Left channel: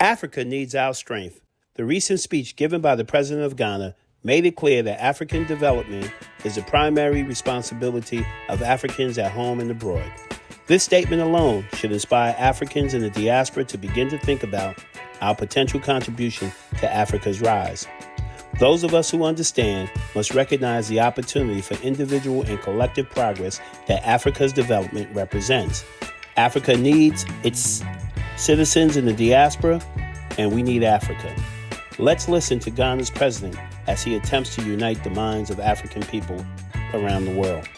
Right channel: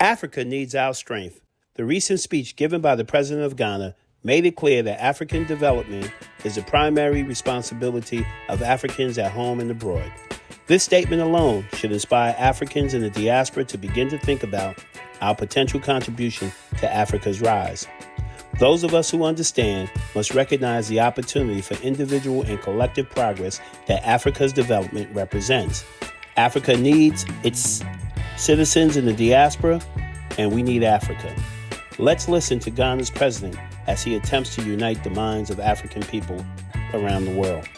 Africa needs our strength. The recent speech given by the President of Ghana made it clear that African development is the primary responsibility of Africans at home and abroad. This statement alone should inspire Africans in the diaspora to begin to think about our potential contribution to Africa's rise. Those of us who understand must recognize the opportunity for individual and collective progress that Africa's development represents. Africa needs its citizens in the diaspora, and we need Africa. Let's listen to Ghana's president as he attempts to unite the minds of African people around the world.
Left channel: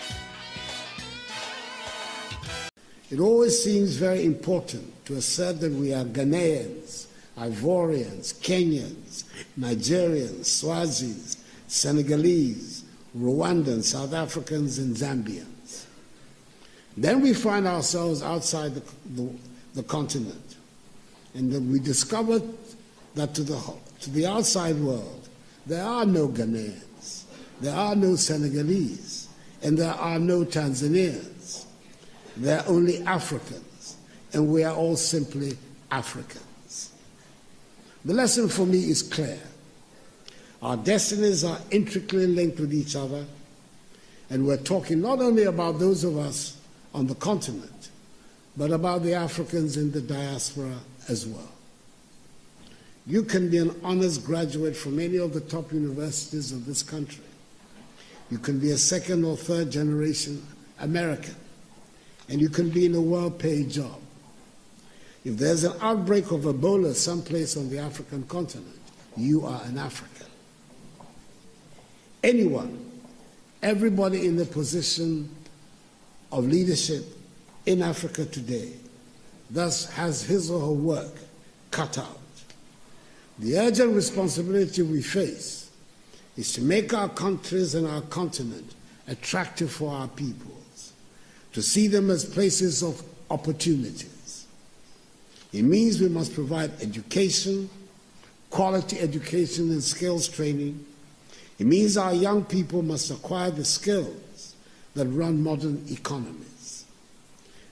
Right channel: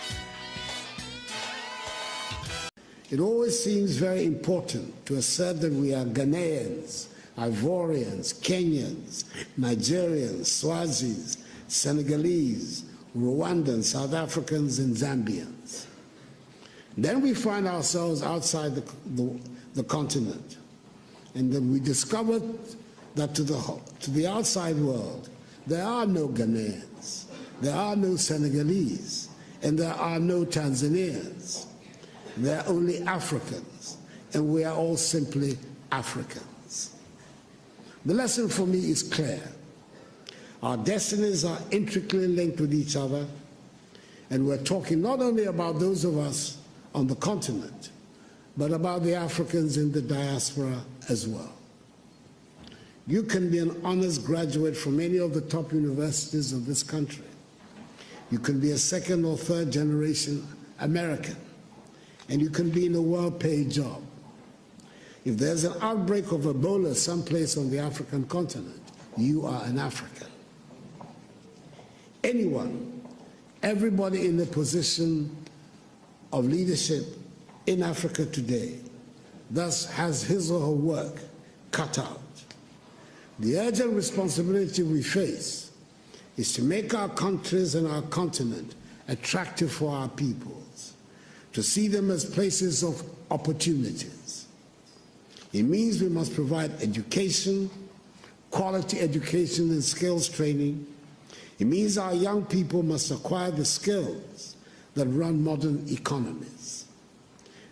It always seems very important to assert that we are Ghanaians, Ivorians, Kenyans, Nigerians, Swazis, Senegalese, Rwandans, South Africans, and Zambians. Then we find ourselves outside the continent, and then we discovered that to the outside world, there are no Ghanaians, there are no Senegalese, and there are no Tanzanians. There are only Africans, and we are all simply Africans. The lesson for me is clear. Our destinies are intricately linked with each other, and we're talking not only about those of us on the continent, but about the Africans in the diaspora as well. You can be an honors graduate from any of the top universities of this country. You can be a second or third generation American, and you can be in a well-paid job. If there's an outbreak of Ebola someplace on the African continent, you are an African. Anyone, everybody in a position of leadership in Africa today thus has his or her work cut out. The urgent responsibility we face is to make our countries and our continent attractive for our peoples, to see them as places of opportunities. It means we must provide education, quality education and skills training. It means our young people must acquire the skills that run modern economies.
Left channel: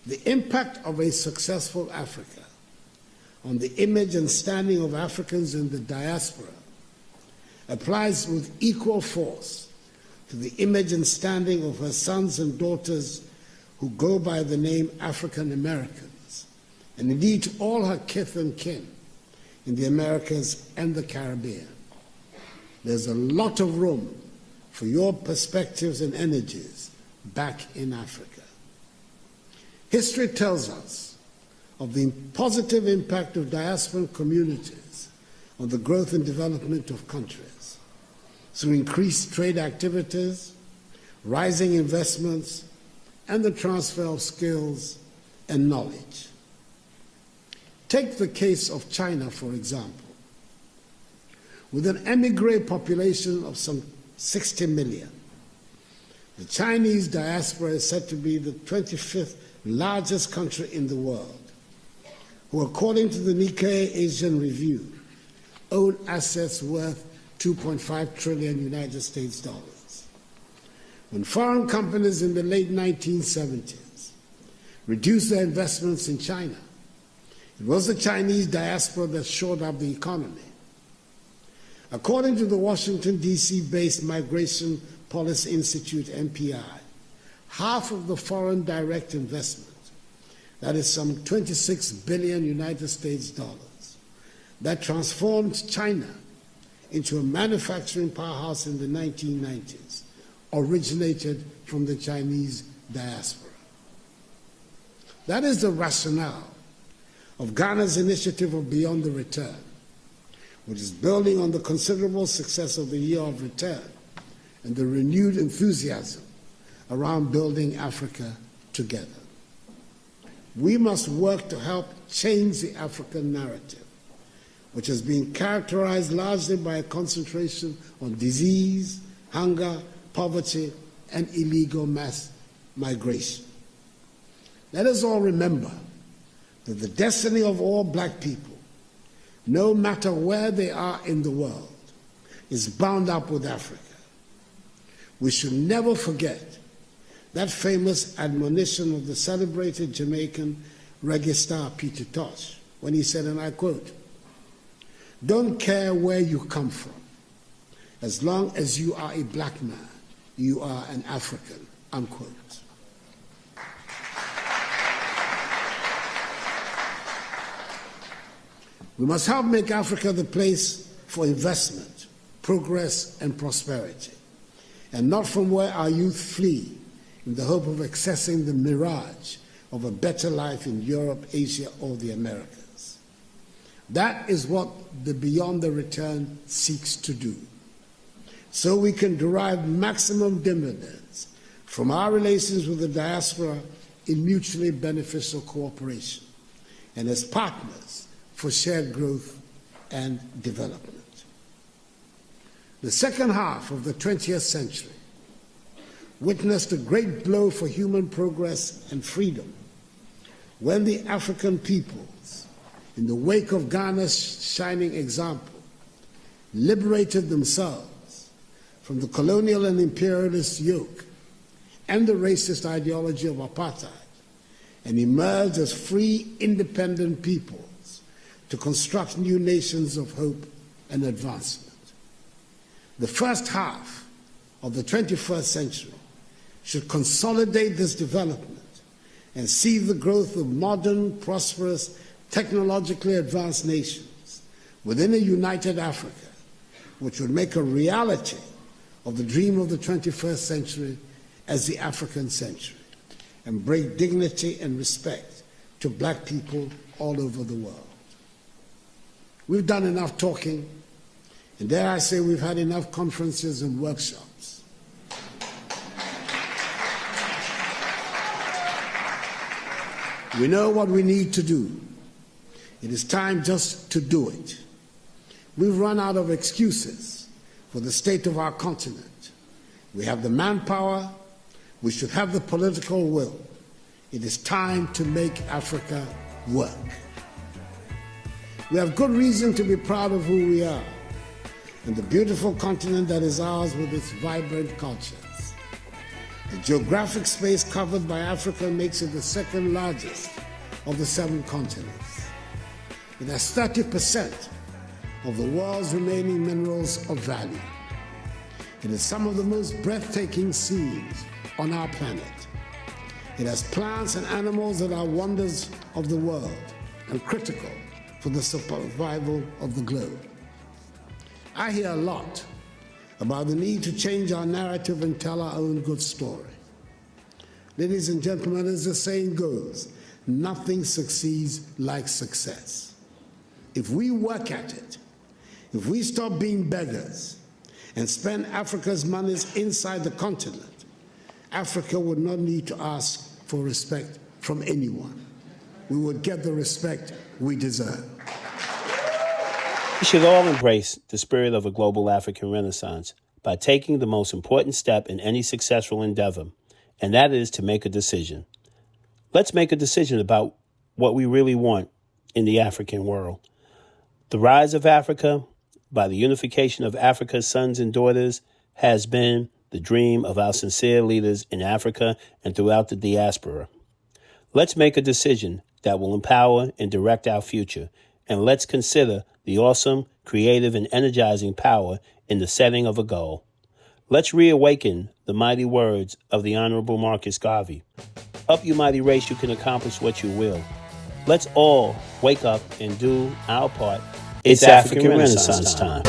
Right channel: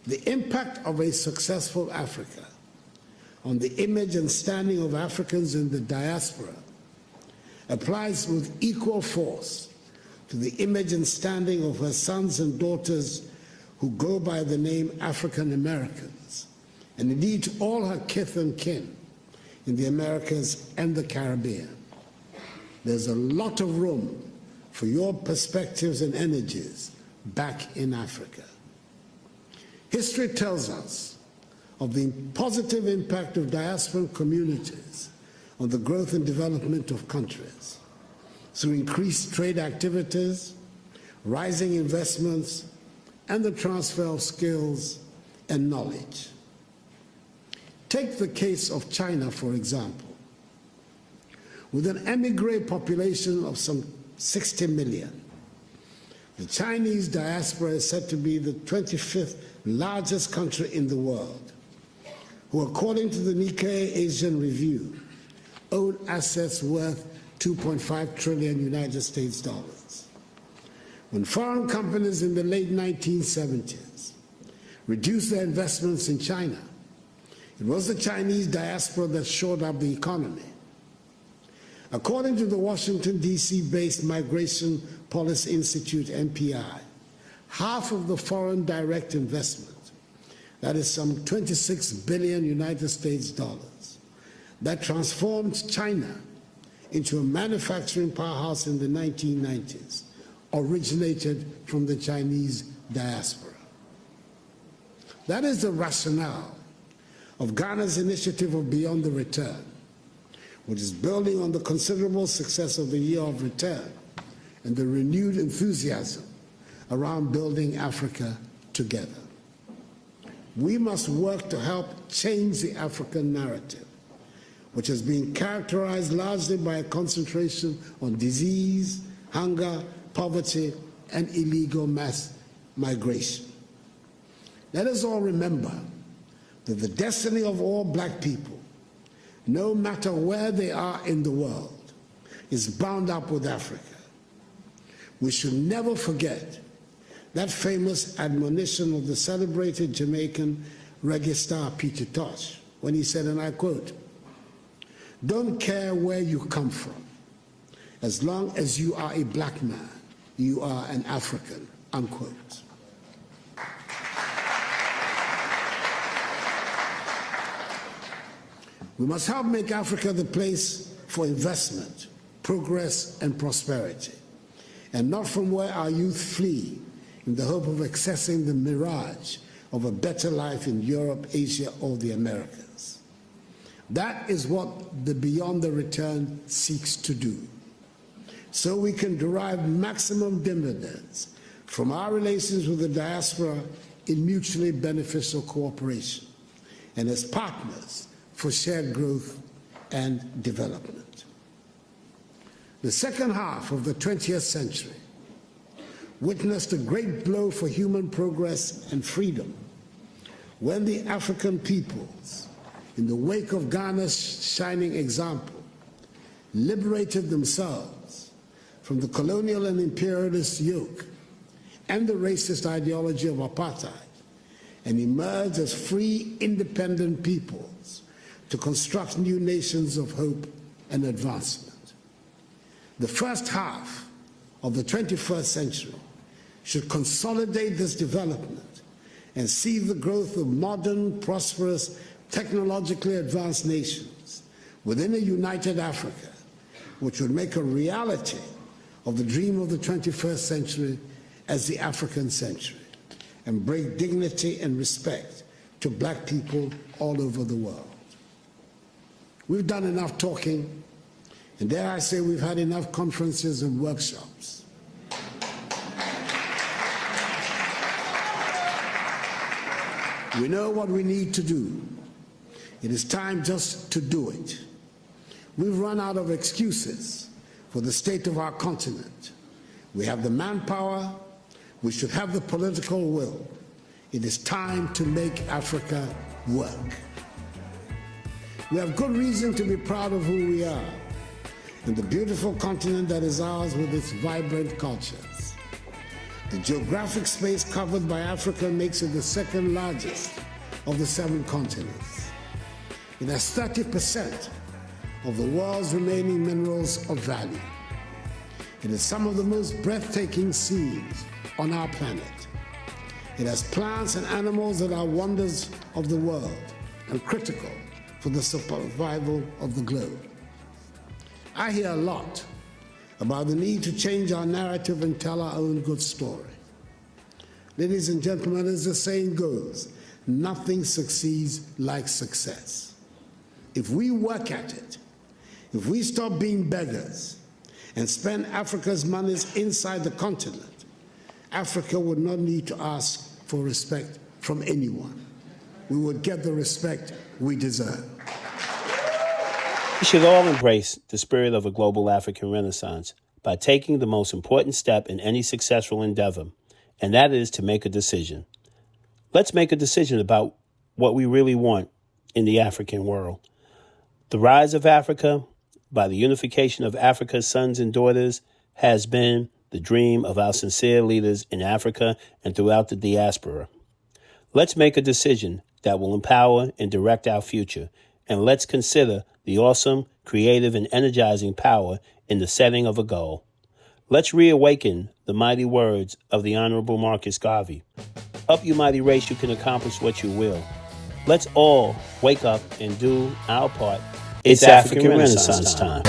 The impact of a successful Africa on the image and standing of Africans in the diaspora applies with equal force to the image and standing of her sons and daughters who go by the name African Americans, and indeed to all her kith and kin in the Americas and the Caribbean. There's a lot of room for your perspectives and energies back in Africa. History tells us of the positive impact of diasporan communities on the growth and development of countries through increased trade activities, rising investments, and the transfer of skills and knowledge. Take the case of China, for example. With an emigre population of some 60 million, the Chinese diaspora is said to be the 25th largest country in the world, who, according to the Nikkei Asian Review, own assets worth 2.5 trillion United States dollars. When foreign companies in the late 1970s reduced their investments in China, it was the Chinese diaspora that shored up the economy. According to the Washington, D.C.-based Migration Policy Institute, MPI, half of the foreign direct investment, that is some 26 billion United States dollars, that transformed China into a manufacturing powerhouse in the 1990s, originated from the Chinese diaspora. That is the rationale of Ghana's initiative of Beyond the Return, which is building on the considerable success of the Year of Return and the renewed enthusiasm around building Africa together. We must work to help change the African narrative, which has been characterized largely by a concentration on disease, hunger, poverty, and illegal mass migration. Let us all remember that the destiny of all black people, no matter where they are in the world, is bound up with Africa. We should never forget that famous admonition of the celebrated Jamaican reggae star Peter Tosh, when he said, and I quote, Don't care where you come from. As long as you are a black man, you are an African, unquote. We must help make Africa the place for investment, progress, and prosperity, and not from where our youth flee in the hope of accessing the mirage of a better life in Europe, Asia, or the Americas. That is what the Beyond the Return seeks to do, so we can derive maximum dividends from our relations with the diaspora in mutually beneficial cooperation and as partners for shared growth and development. The second half of the 20th century witnessed a great blow for human progress and freedom when the African peoples, in the wake of Ghana's shining example, liberated themselves from the colonial and imperialist yoke and the racist ideology of apartheid and emerged as free, independent peoples to construct new nations of hope and advancement. The first half of the 21st century should consolidate this development and see the growth of modern, prosperous, technologically advanced nations within a united Africa, which would make a reality of the dream of the 21st century as the African century and bring dignity and respect to black people all over the world. We've done enough talking, and dare I say we've had enough conferences and workshops. We know what we need to do. It is time just to do it. We've run out of excuses for the state of our continent. We have the manpower. We should have the political will. It is time to make Africa work. We have good reason to be proud of who we are and the beautiful continent that is ours with its vibrant cultures. The geographic space covered by Africa makes it the second largest of the 7 continents. It has 30% of the world's remaining minerals of value. It has some of the most breathtaking scenes on our planet. It has plants and animals that are wonders of the world and critical for the survival of the globe. I hear a lot about the need to change our narrative and tell our own good story. Ladies and gentlemen, as the saying goes, nothing succeeds like success. If we work at it, if we stop being beggars and spend Africa's monies inside the continent, Africa would not need to ask for respect from anyone. We would get the respect we deserve. We should all embrace the spirit of a global African Renaissance by taking the most important step in any successful endeavor, and that is to make a decision. Let's make a decision about what we really want in the African world. The rise of Africa by the unification of Africa's sons and daughters has been the dream of our sincere leaders in Africa and throughout the diaspora. Let's make a decision that will empower and direct our future, and let's consider the awesome, creative, and energizing power in the setting of a goal. Let's reawaken the mighty words of the Honorable Marcus Garvey. Up, you mighty race, you can accomplish what you will. Let's all wake up and do our part. It's African Renaissance time.